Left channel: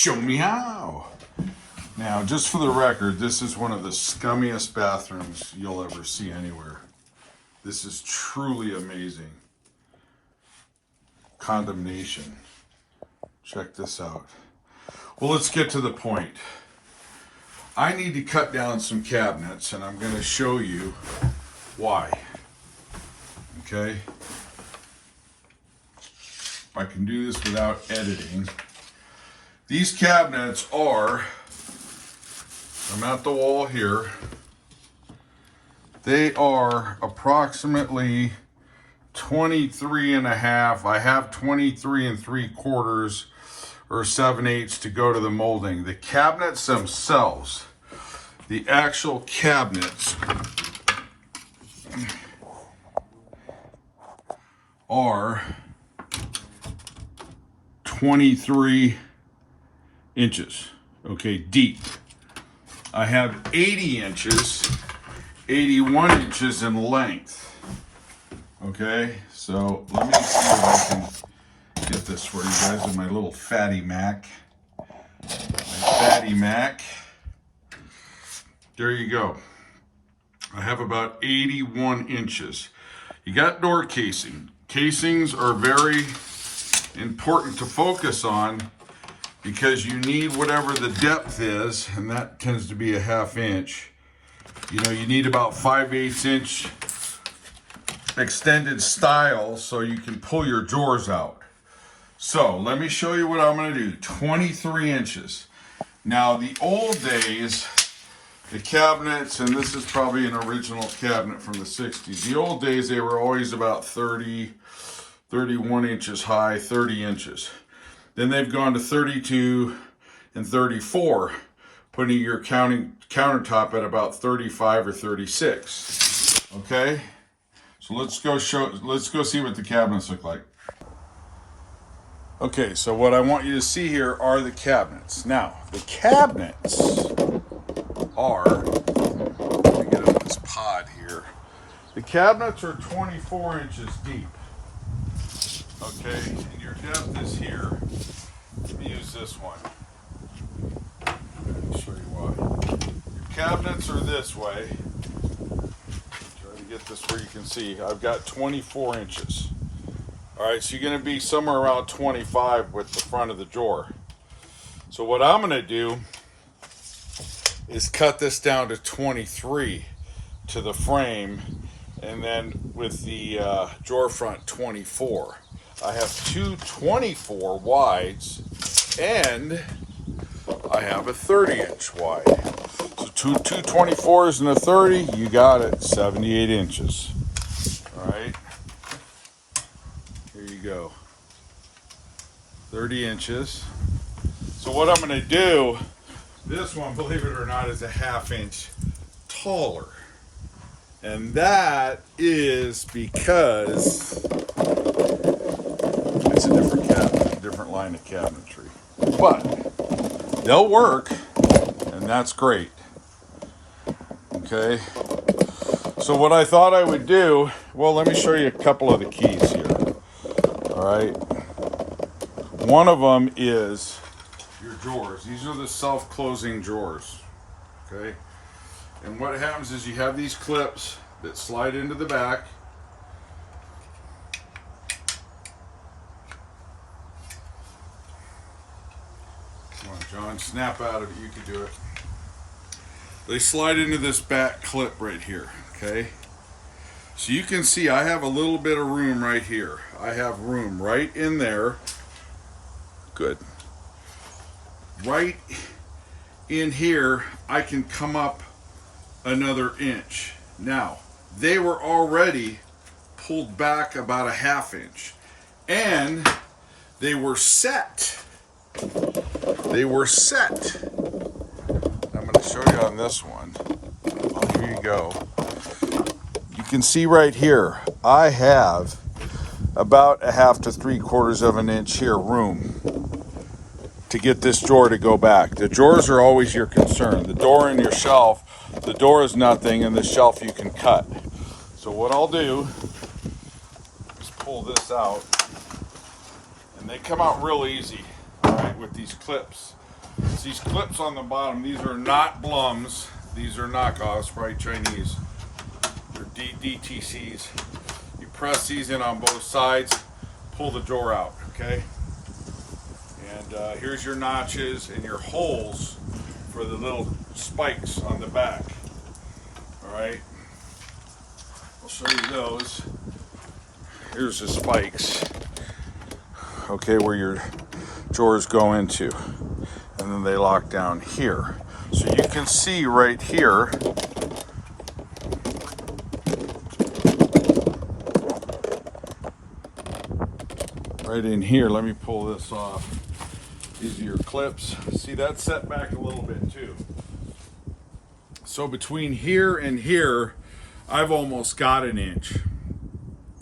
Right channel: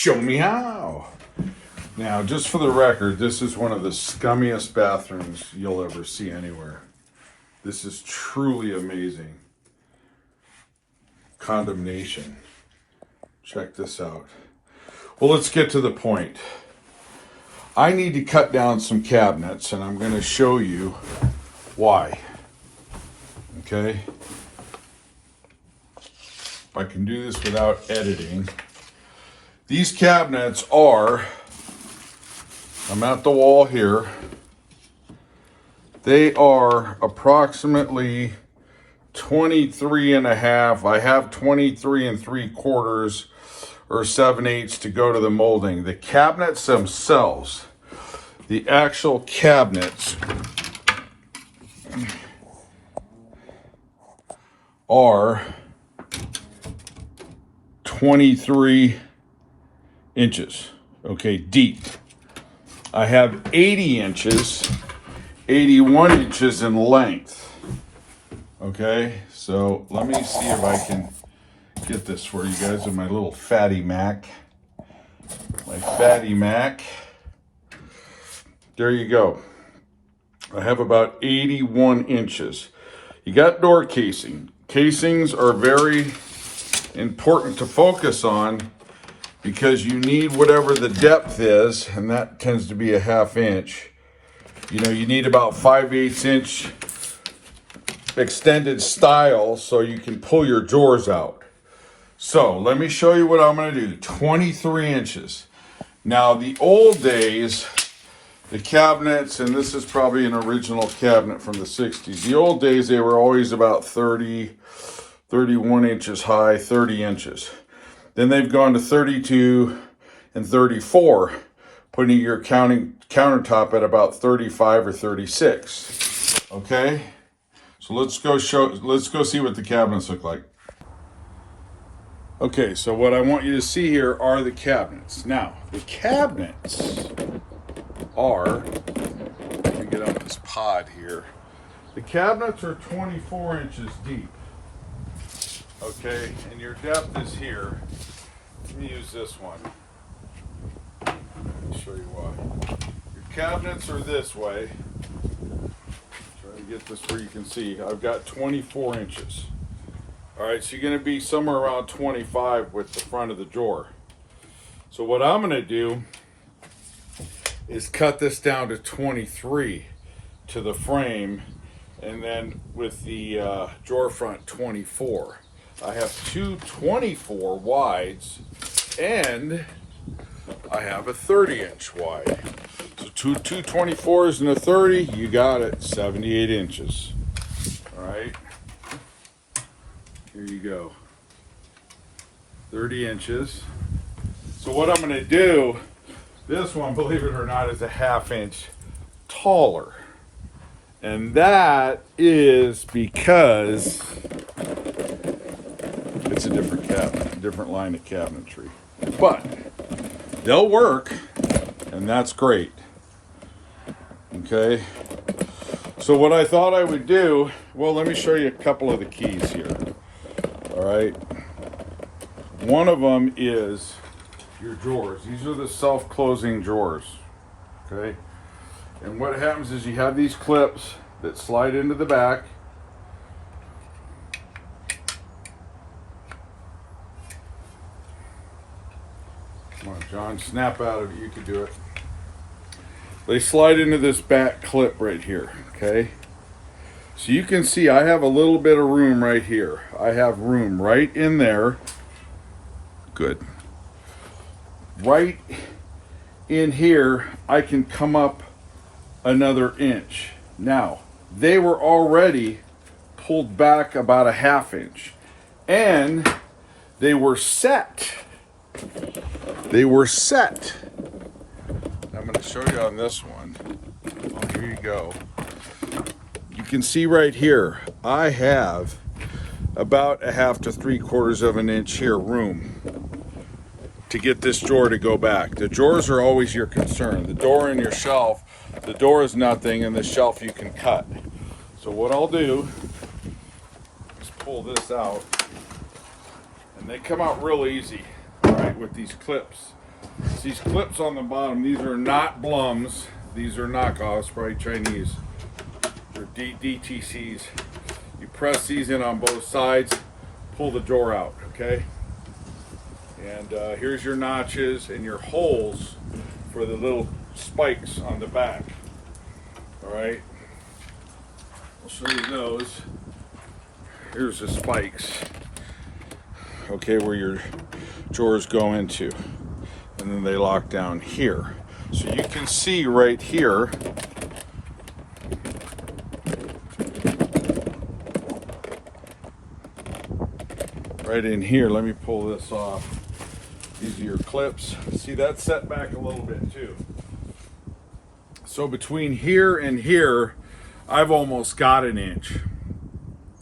Show me how. Now, just for the record, this is one of the scummiest bathrooms you'll ever see anywhere. This is truly amazing. Condemnation. Check this out. Well, let's get to the point. I need to cut down some cabinets, and I'm going to show you why. Okay? If I can do this without editing. These cabinets are, I'm at the wall here. They are approximately 23 and a half. I have 23 and 3/4 or 7/8 to go to the molding. The cabinets themselves, the actual cabinets are 23 inches, okay, deep. I have 80 inches, 81 inches in length, okay? So let me see if I can get this for you guys with my little fatty Mac. My fatty Mac. There you go. I have about 81 inches. You got door casing. Casings are very important to focus on because you need whatever the depth is, and that tends to be a 1/2 inch. You know, you need about 5/8 inch extended style so you can pull your drawers out. So let me show you what I'm going to do. 23 inches. Now, the old days, the cabinets, and this is probably an original cabinet from the 60s. The old days, they were always about 30, 31 inches high, 30 inches. Then they've gone to 32 and 34, putting your countertop at about 35 or 36. Okay? So let's go see what the cabinets look like. Okay, so what I want you to see here are the cabinets. Now, the cabinets are, let me get up this pod here. The cabinets are 24 inches deep. Okay, and your depth is here. Let me use this one. Let me show you why. Your cabinets are this way. Try to get this where you can see. I've got 24 inches. All right, so you're going to be somewhere around 25 with the front of the drawer. So what I'm going to do is cut this down to 23 to the frame, and then with the drawer front 24. I have two 24 wides, and I have a 30-inch wide. So two 24s and a 30, you got it, 78 inches. All right. Here you go. 30 inches. So what I'm going to do, this one, believe it or not, is a 1/2 inch taller. And that is because it's a different cabinet, a different line of cabinetry. But they'll work, and that's great. Okay. So what I thought I would do, well, let me show you a couple of the keys here. All right. One of them is your drawers. These are the self-closing drawers. Okay. And what happens is you have these clips that slide into the back. Come on, John, snap out of it. You can do it. They slide into this back clip right here. Okay. So you can see I have a little bit of room right here. I have room right in there. Good. Right in here, I can come up another inch. Now, they were already pulled back about a 1/2 inch. And they were set. They were set. I'm going to show you on this one. Oh, here you go. You can see right here, I have about a 1/2 to 3/4 of an inch here room to get this drawer to go back. The drawers are always your concern. The door and your shelf, the door is nothing, and the shelf you can cut. So what I'll do is pull this out, and they come out real easy, all right, with these clips. It's these clips on the bottom. These are not Blums. These are knockoffs, probably Chinese. They're DTCs. You press these in on both sides, pull the drawer out, okay? And here's your notches and your holes for the little spikes on the back. All right, I'll show you those. Here's the spikes, okay, where your drawers go into, and then they lock down here. So you can see right here, right in here, let me pull this off. These are your clips. See, that's set back a little bit too. So between here and here, I've almost got an inch.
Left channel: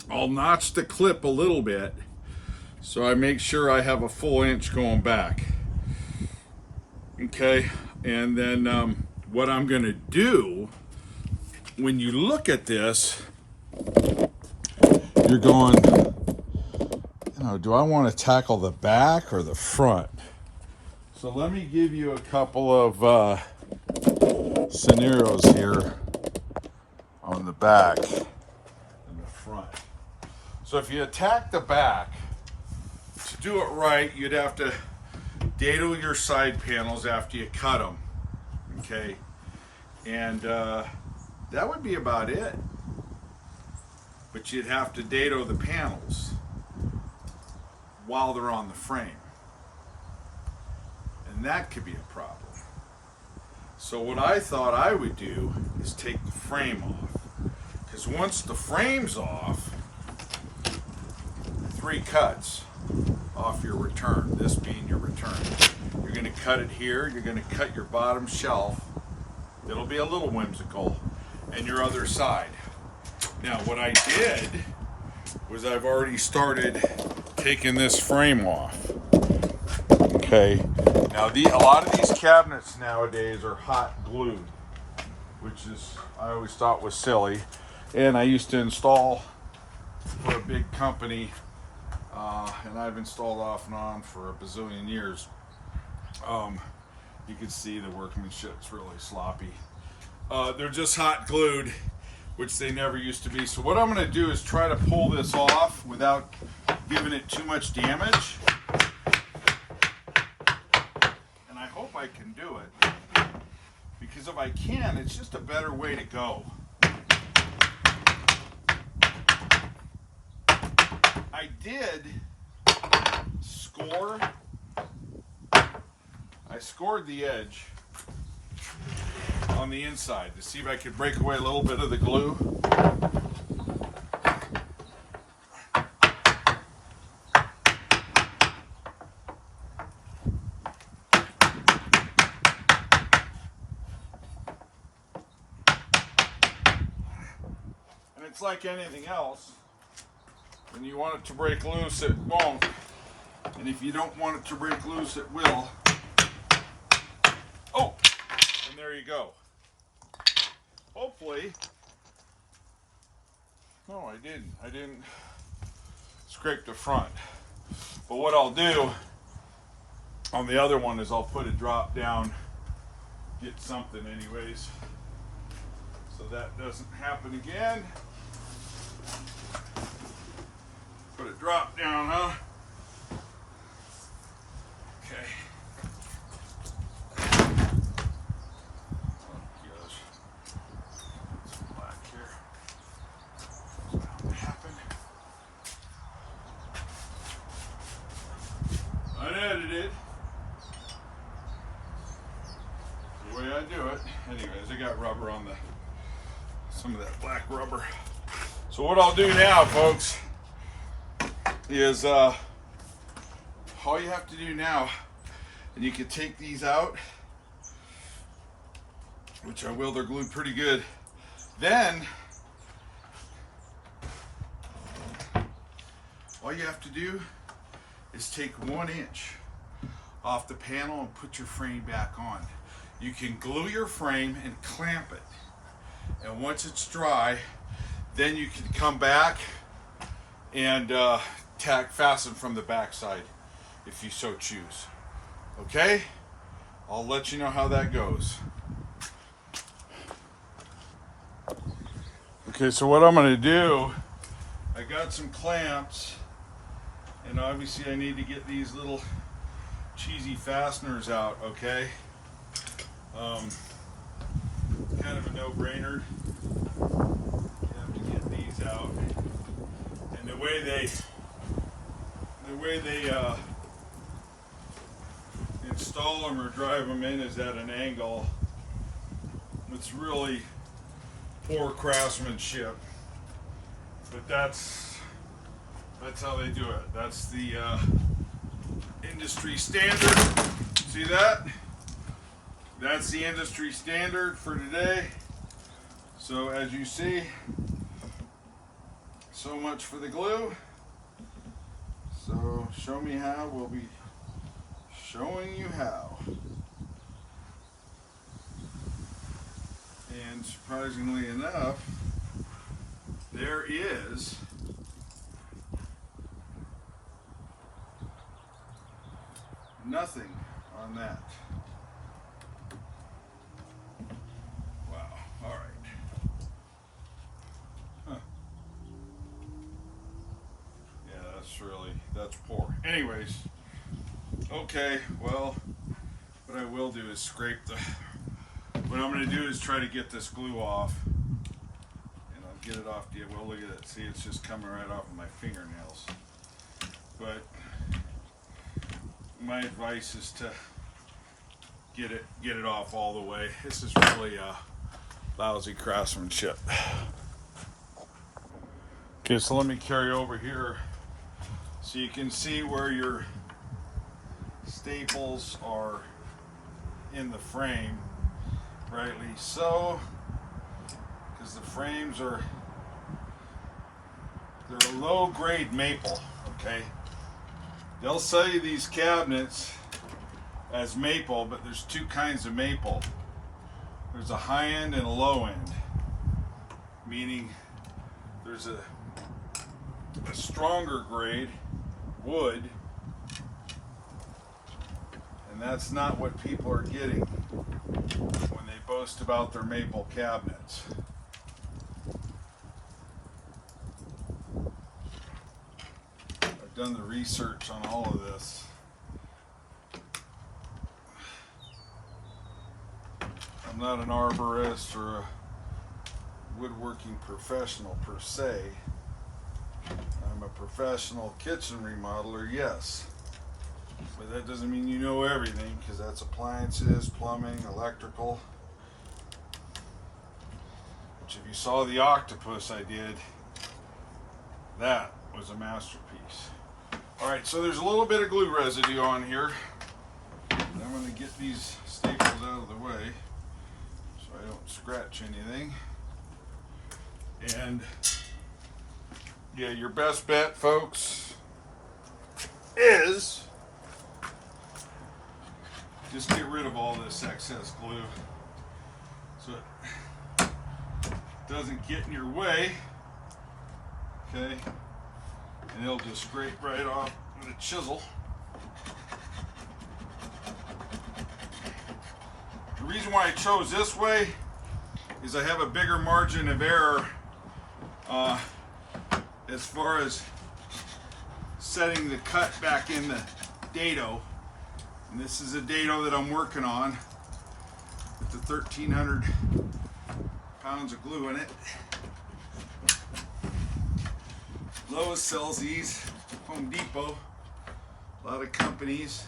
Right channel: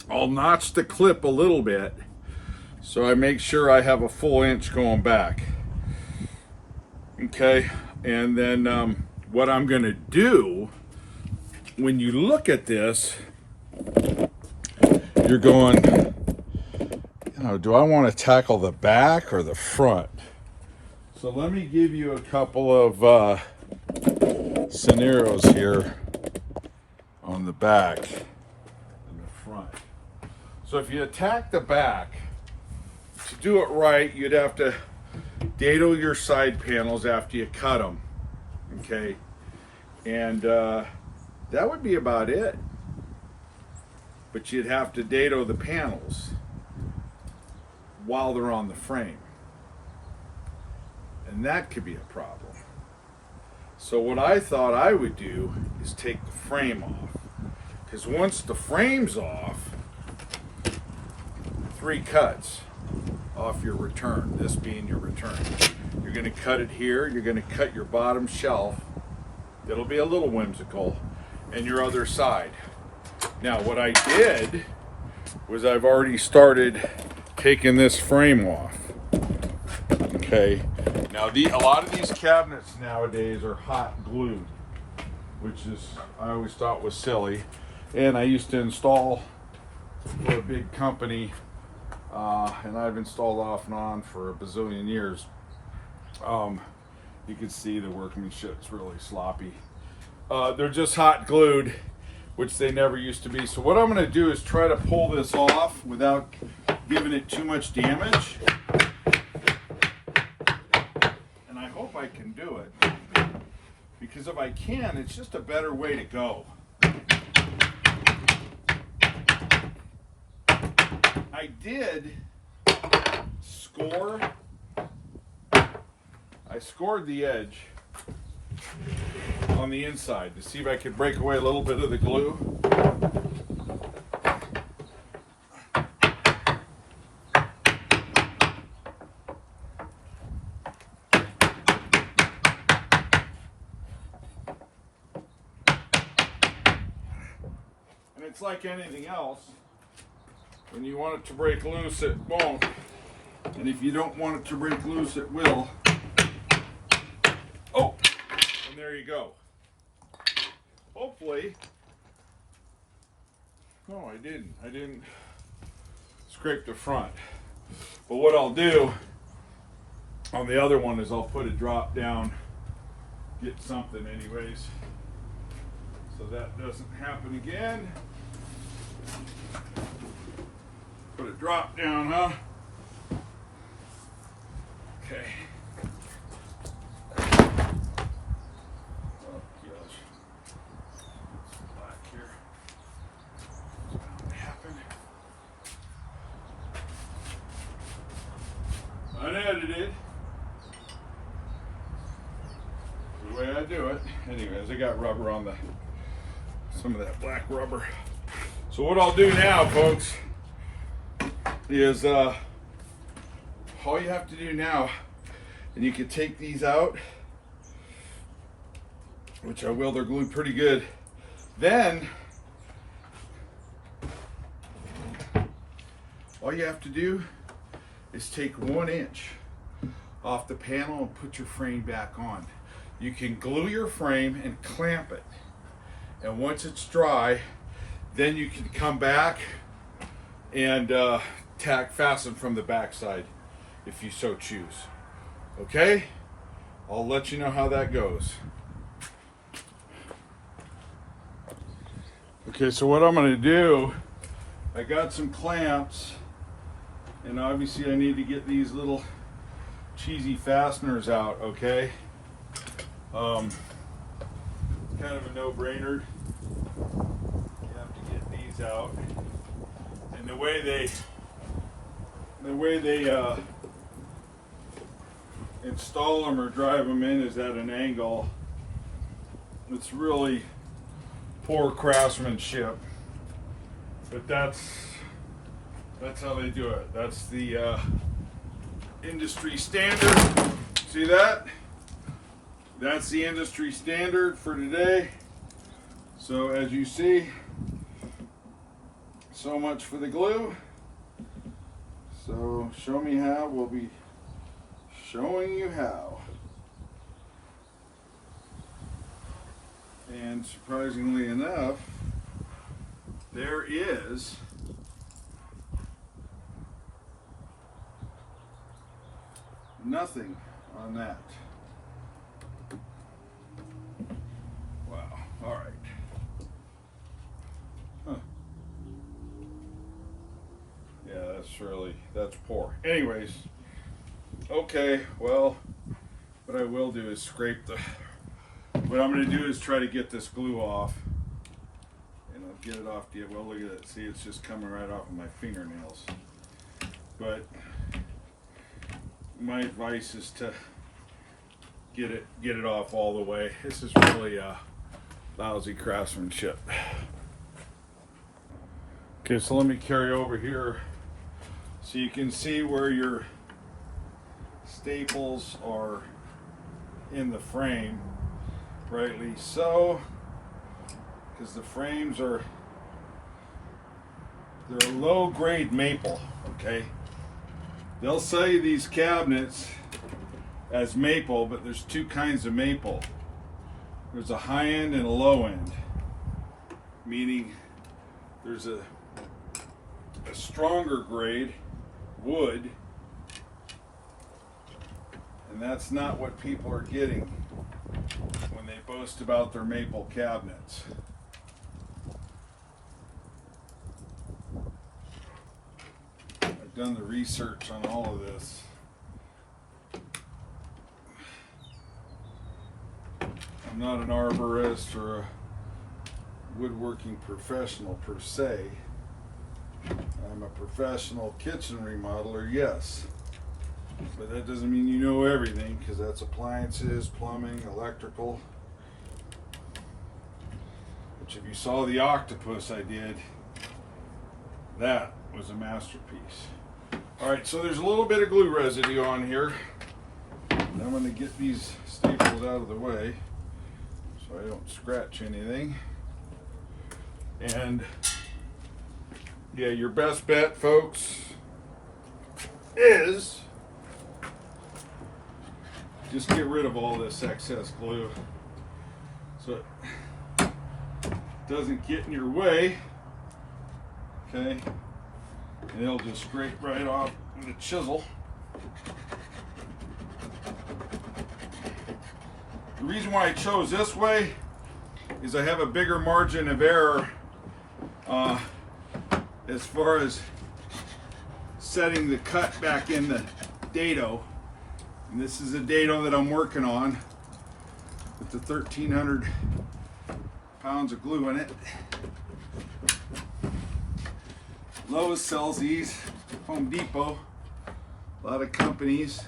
I'll notch the clip a little bit so I make sure I have a full inch going back. Okay, and then what I'm gonna do, when you look at this, you're going, you know, do I want to tackle the back or the front? So let me give you a couple of scenarios here on the back and the front. So if you attack the back, to do it right, you'd have to dado your side panels after you cut them, okay? And that would be about it. But you'd have to dado the panels while they're on the frame. And that could be a problem. So what I thought I would do is take the frame off. Because once the frame's off, 3 cuts off your return, this being your return. You're gonna cut it here, you're gonna cut your bottom shelf, it'll be a little whimsical, and your other side. Now what I did was I've already started taking this frame off. Okay, now a lot of these cabinets nowadays are hot glued, which is, I always thought was silly. And I used to install for a big company, and I've installed off and on for a bazillion years. You can see the workmanship's really sloppy. They're just hot glued, which they never used to be. So what I'm gonna do is try to pull this off without giving it too much damage. And I hope I can do it, because if I can, it's just a better way to go. I did score, I scored the edge on the inside to see if I could break away a little bit of the glue. And it's like anything else. When you want it to break loose, it won't. And if you don't want it to break loose, it will. Oh, and there you go. Hopefully, no, I didn't scrape the front. But what I'll do on the other one is I'll put a drop down, get something anyways, so that doesn't happen again. Put a drop down, huh? Okay. Oh gosh. Some black here. What's going to happen? Unedited. The way I do it. Anyways, I got rubber on some of that black rubber. So what I'll do now, folks, is all you have to do now, and you can take these out, which I will, they're glued pretty good. Then all you have to do is take 1 inch off the panel and put your frame back on. You can glue your frame and clamp it, and once it's dry, then you can come back and fasten from the back side if you so choose. Okay? I'll let you know how that goes. Okay, so what I'm going to do, I got some clamps, and obviously I need to get these little cheesy fasteners out, okay? Kind of a no-brainer. You have to get these out. And the way they install them or drive them in is at an angle. It's really poor craftsmanship, but that's how they do it. That's the industry standard. See that? That's the industry standard for today. So as you see, so much for the glue. So show me how. We'll be showing you how. And surprisingly enough, there is nothing on that. Wow. All right. Huh. Yeah, that's poor. Anyways, okay, well, what I will do is what I'm going to do is try to get this glue off, and I'll get it off. Yeah, well, look at it. See, it's just coming right off of my fingernails. But my advice is to get it off all the way. This is really lousy craftsmanship. Okay, so let me carry over here so you can see where your staples are in the frame. Rightly so, because the frames they're low grade maple, okay? They'll sell you these cabinets as maple, but there's two kinds of maple. There's a high end and a low end, meaning there's a stronger grade wood, and that's not what people are getting when they boast about their maple cabinets. I've done the research on all of this. I'm not an arborist or a woodworking professional per se. I'm a professional kitchen remodeler, yes. But that doesn't mean you know everything, because that's appliances, plumbing, electrical. Which if you saw the octopus I did, that was a masterpiece. Alright, so there's a little bit of glue residue on here. And I'm going to get these staples out of the way so I don't scratch anything. And yeah, your best bet, folks, is just get rid of all this excess glue so it doesn't get in your way, okay? And it'll just scrape right off with a chisel. The reason why I chose this way is I have a bigger margin of error as far as setting the cut back in the dado. And this is a dado that I'm working on with the 1,300 pounds of glue in it. Lowe sells these, Home Depot, a lot of companies.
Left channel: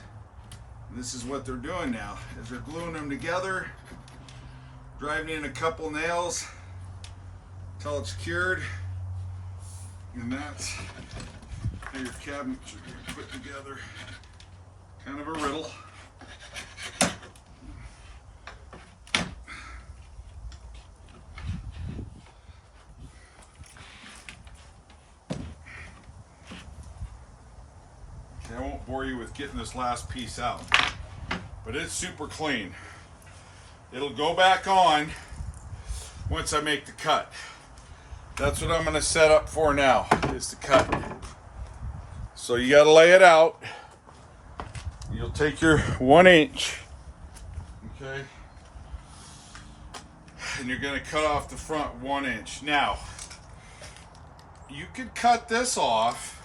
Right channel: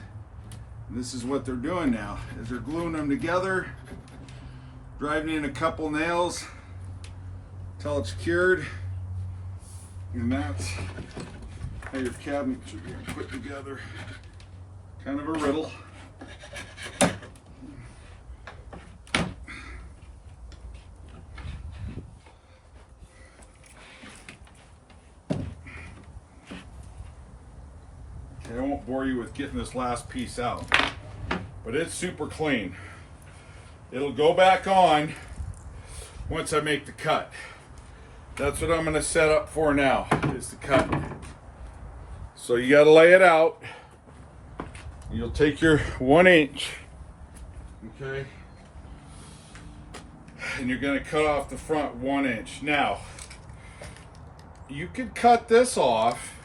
And this is what they're doing now, is they're gluing them together, driving in a couple nails until it's cured. And that's how your cabinets are being put together. Kind of a riddle. Okay, I won't bore you with getting this last piece out, but it's super clean. It'll go back on once I make the cut. That's what I'm going to set up for now, is the cut. So you got to lay it out. You'll take your 1 inch Okay. And you're going to cut off the front 1 inch. Now, you could cut this off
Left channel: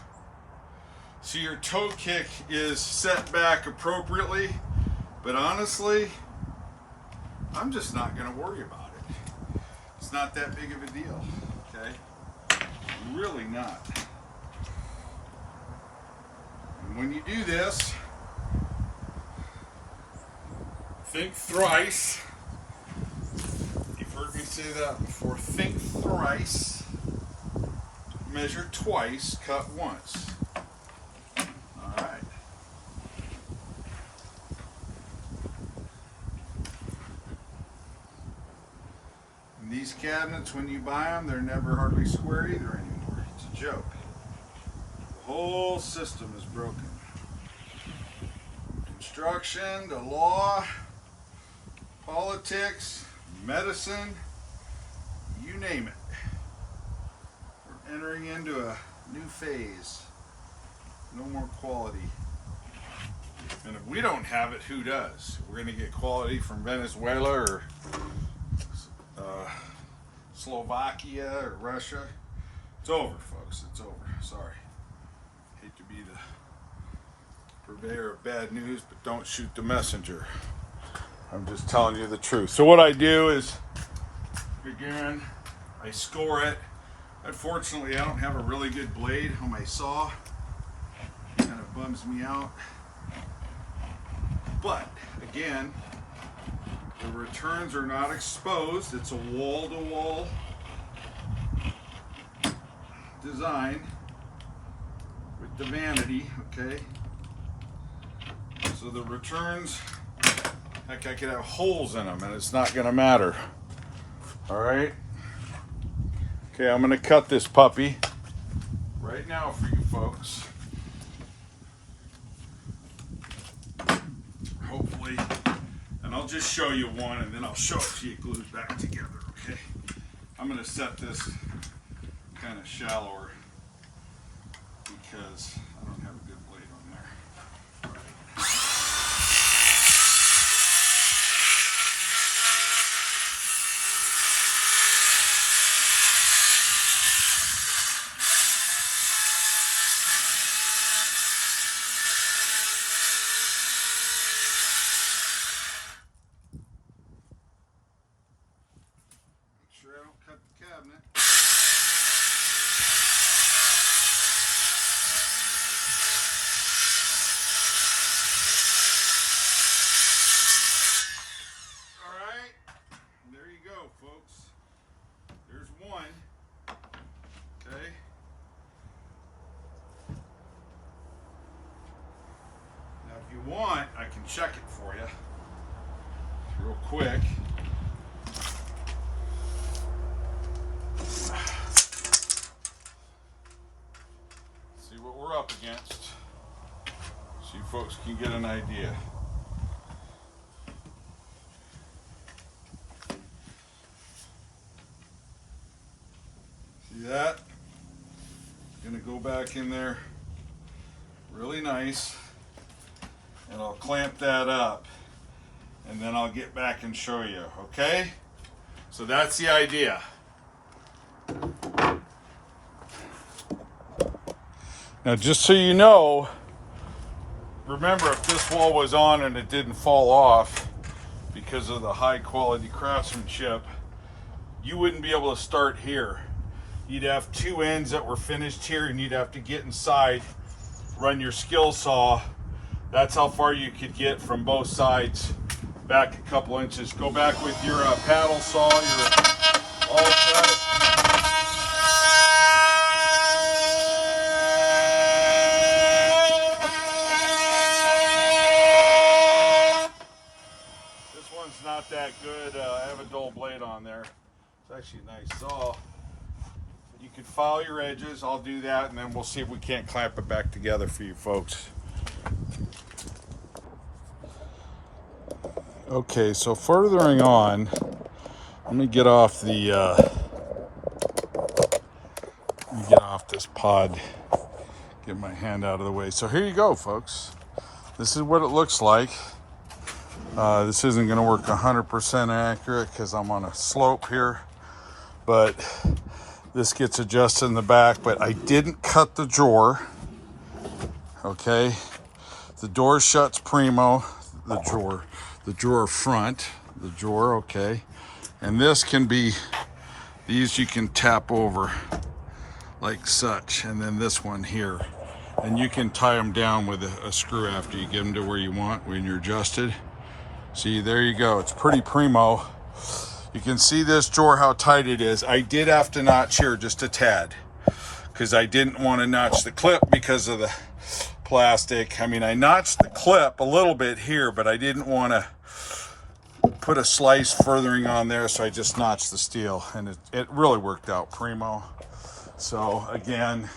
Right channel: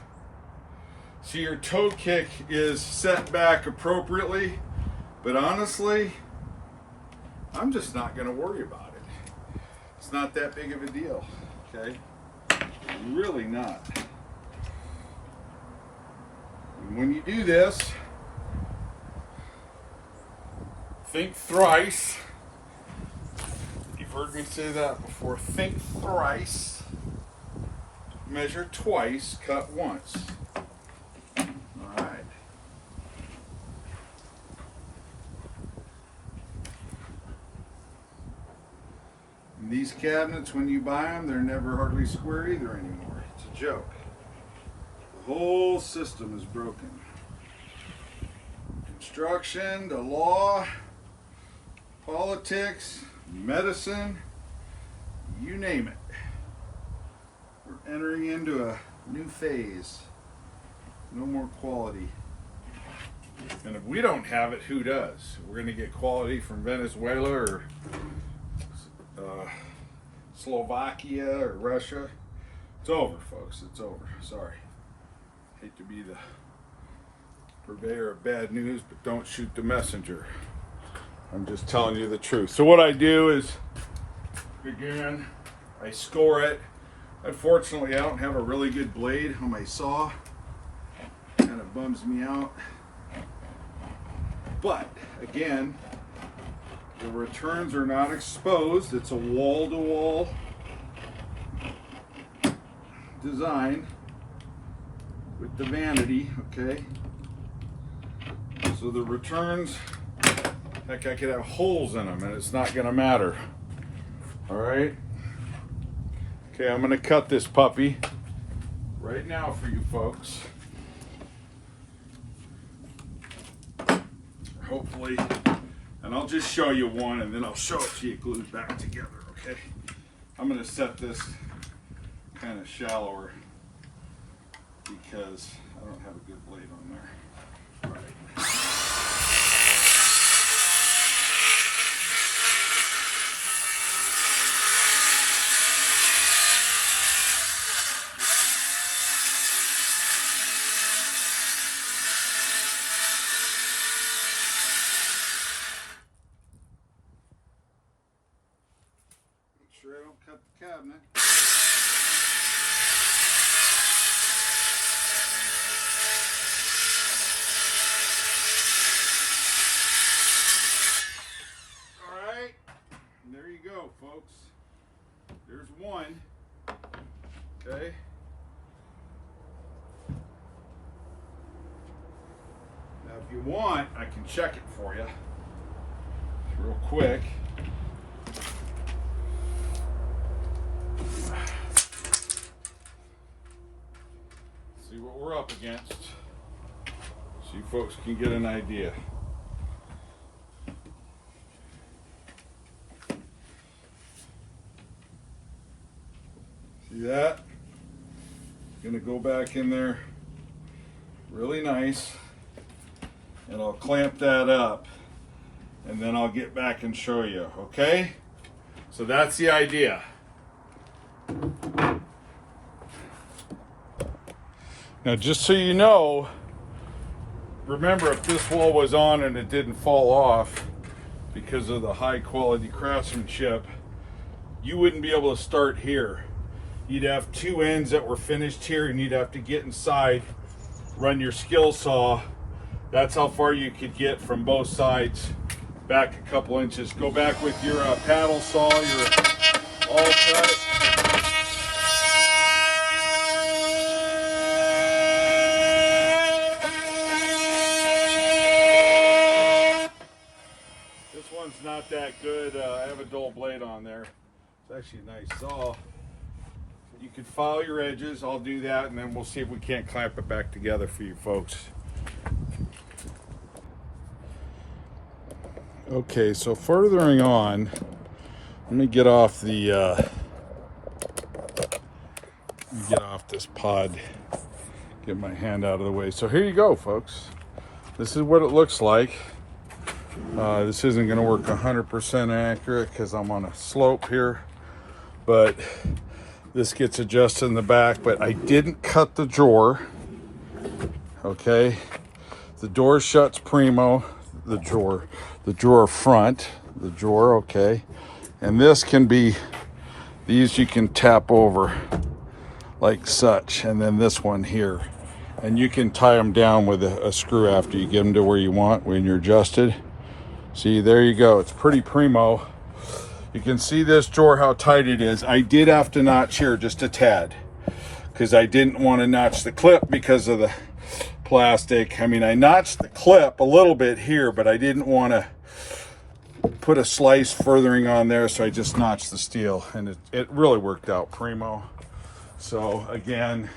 so your toe kick is set back appropriately, but honestly, I'm just not going to worry about it. It's not that big of a deal, okay? Really not. And when you do this, think thrice. You've heard me say that before. Think thrice, measure twice, cut once. All right. And these cabinets, when you buy them, they're never hardly square either anymore. It's a joke. The whole system is broken. Construction, the law, politics, medicine, you name it. We're entering into a new phase. No more quality. And if we don't have it, who does? We're going to get quality from Venezuela or Slovakia or Russia. It's over, folks. It's over. Sorry. Hate to be the purveyor of bad news, but don't shoot the messenger. I'm just telling you the truth. So what I do is, again, I score it. Unfortunately, I don't have a really good blade on my saw. Kind of bums me out. But, again, the returns are not exposed. It's a wall-to-wall design with the vanity, okay? So the returns, heck, I could have holes in them and it's not gonna matter. All right? Okay, I'm gonna cut this puppy right now for you folks. Hopefully, and I'll just show you one and then I'll show it to you glued back together, okay? I'm gonna set this kind of shallower because I don't have a good blade on there. All right. Make sure I don't cut the cabinet. Folks, there's one. Okay. Now, if you want, I can check it for you real quick. See what we're up against, so you folks can get an idea. See that? Gonna go back in there really nice, and I'll clamp that up, and then I'll get back and show you, okay? So that's the idea. Now, just so you know, remember, if this wall was on and it didn't fall off because of the high quality craftsmanship, you wouldn't be able to start here. You'd have two ends that were finished here, and you'd have to get inside, run your skill saw. That's how far you could get from both sides, back a couple inches. Go back with your paddle saw, your all cut. This one's not that good. I have a dull blade on there. It's actually a nice saw. You can file your edges. I'll do that, and then we'll see if we can't clamp it back together for you folks. Okay, so furthering on, let me get off the this pod. Get my hand out of the way. So here you go, folks. This is what it looks like. This isn't going to work 100% accurate because I'm on a slope here, but this gets adjusted in the back. But I didn't cut the drawer. Okay, the door shuts primo. The drawer front, the drawer. Okay, and this can be, these you can tap over like such, and then this one here, and you can tie them down with a screw after you get them to where you want when you're adjusted. See, there you go. It's pretty primo. You can see this drawer, how tight it is. I did have to notch here just a tad because I didn't want to notch the clip because of the plastic. I mean, I notched the clip a little bit here, but I didn't want to put a slice furthering on there, so I just notched the steel, and it really worked out primo. So again,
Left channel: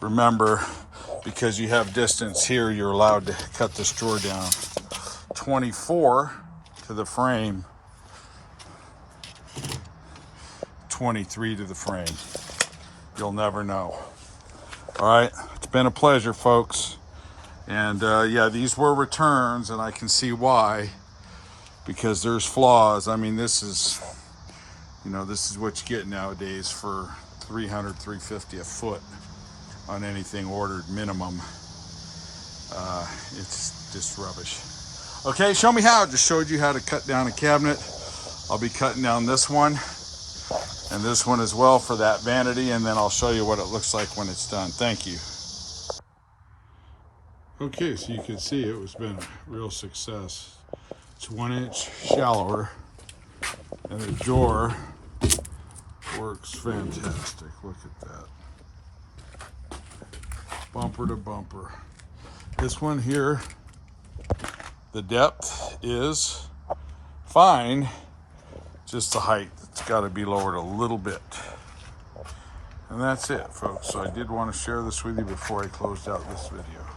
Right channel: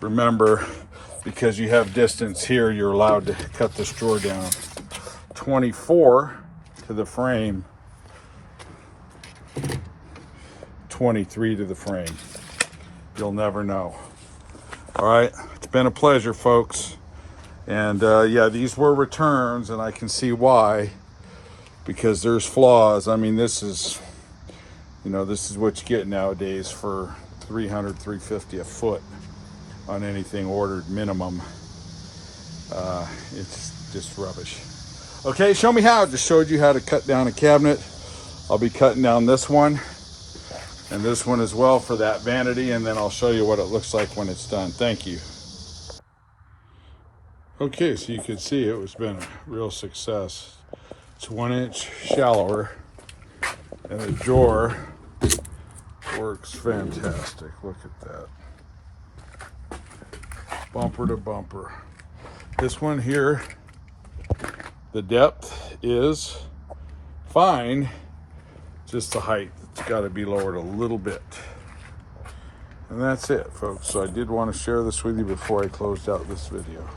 remember, because you have distance here, you're allowed to cut this drawer down 24 to the frame, 23 to the frame. You'll never know. All right, it's been a pleasure, folks. And yeah, these were returns, and I can see why, because there's flaws. I mean, this is, you know, this is what you get nowadays for $300, $350 a foot on anything ordered minimum. It's just rubbish. Okay, show me how. Just showed you how to cut down a cabinet. I'll be cutting down this one and this one as well for that vanity, and then I'll show you what it looks like when it's done. Thank you. Okay, so you can see it's been a real success. It's 1 inch shallower, and the drawer works fantastic. Look at that. Bumper to bumper. This one here, the depth is fine, just the height. It's got to be lowered a little bit. And that's it, folks. So I did want to share this with you before I closed out this video.